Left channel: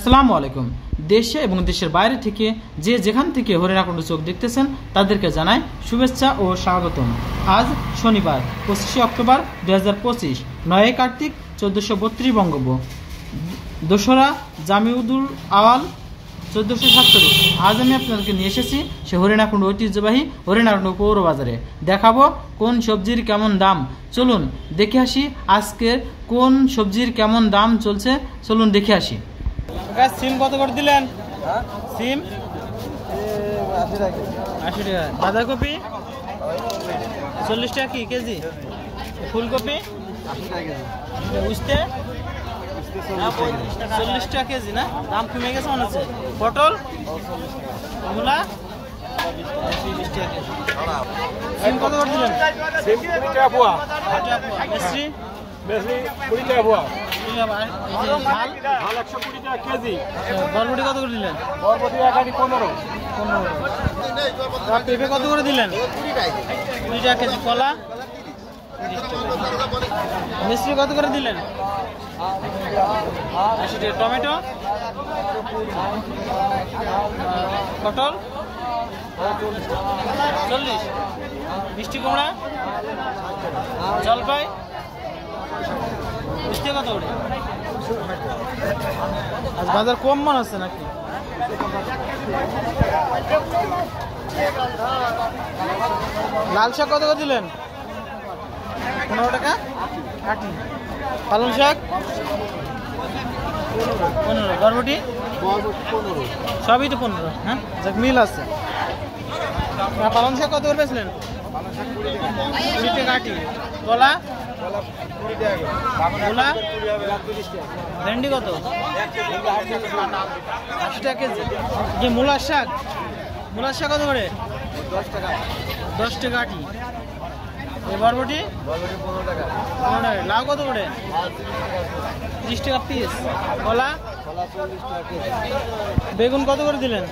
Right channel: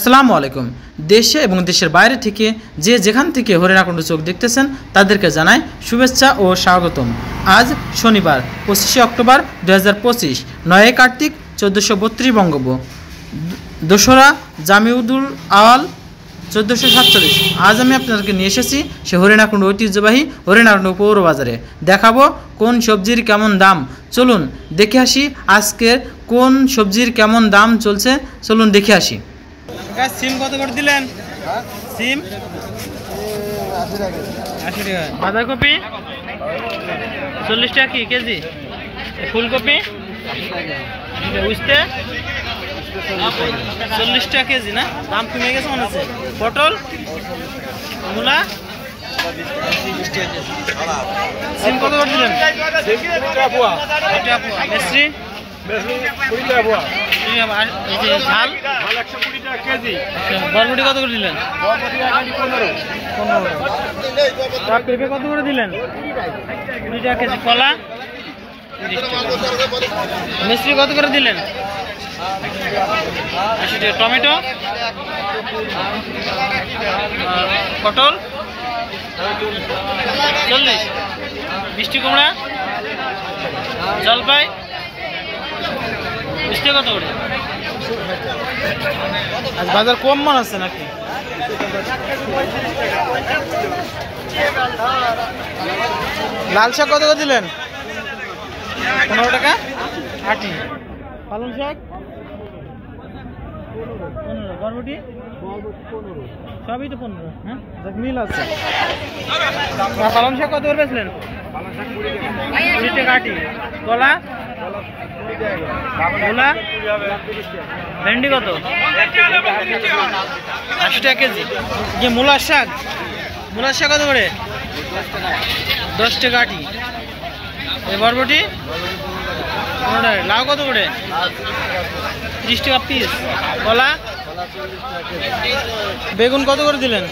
আসসালামু আলাইকুম। দেশে এবং দেশের বাইরে থেকে যে যেখান থেকে হরিণ আকণ্ড চোখ দেখতেছেন তাদেরকে জানাই শুভেচ্ছা ও স্বাগতম। আজ শনিবার 25শে অক্টোবর 2025, 9 কার্তিক 1432 বঙ্গাব্দ, দোসরা জামিউদুল আওয়াল 1447। আজ আমি আপনাদেরকে নিয়ে এসেছি সে হরিণ আকণ্ড ঐতিহ্যবাহী হরিণ আকণ্ড পৌর বাজারে। দেখাবো কোন সবজির কেমন দাম। চলুন দেখে আসি আজকের কোন সবজির কেমন দাম চলছে। চলুন দেখে আসি। সিম কত করে দিলেন? সিম 80 টাকা। বাঁধাকপি 40 টাকা কি কেজি? ফুলকপি উস্তে 40 টাকা কেজি না? দাম কমে গেছে মনে হচ্ছে। পটল মূলা 20 টাকা কেজি। সিম কত করে দিলেন? মিস্ত্রি বরবটি কত করে দিলেন? পেঁপে কত করে দিলেন? 20 টাকা কেজি। কলা মিষ্টি কত করে দিলেন? 80 টাকা। টমেটো, পটল 40। মিষ্টি কুমড়া, জলপাই মিষ্টি কত করে? আজ বাজার কম মনে হচ্ছে নাকি? লাল শাক কত করে দিলেন? 15 টাকা আটি। পালং শাক 15। বরবটি সবই তো 15। হ্যাঁ, যাক মিল আছে। পালং শাক কত করে বেচলেন? 20 টাকা আটি। কলা ভেন্ডি কত? 80 টাকা কেজি। যে মূলার শাক কত করে? 10 টাকা আটি। বরবটি 15 টাকা। লাউ কত করে? 30 টাকা পিস। কলা বেগুন কত করে দিলেন?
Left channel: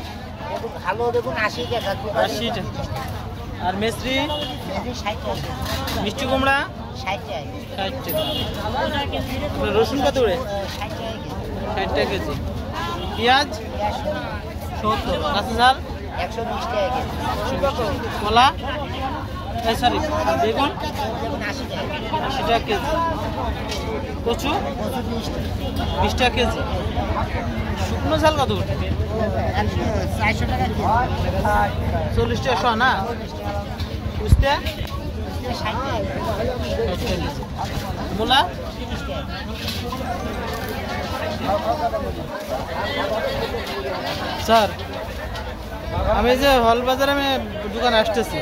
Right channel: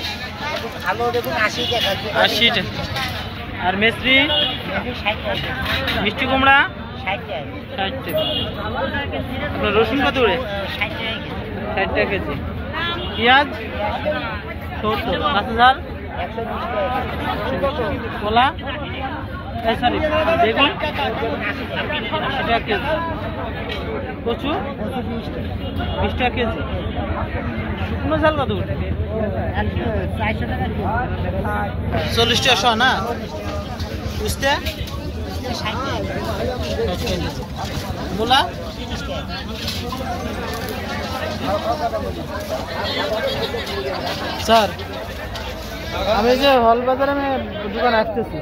80 টাকা। আর মিস্ত্রি মিষ্টি কুমড়া 60 টাকা। রসুন কত করে? 60 টাকা কেজি। পেঁয়াজ 70। কাঁচা ঝাল 120 টাকা। কলা সরি বেগুন 80 টাকা কেজি। কচু 20 টাকা কেজি। শুকনো ঝাল কত করে? 40 টাকা শো না? বুঝতে মূলা স্যার, আমি যে হল বাজারে আমি দোকানে আসতেছি।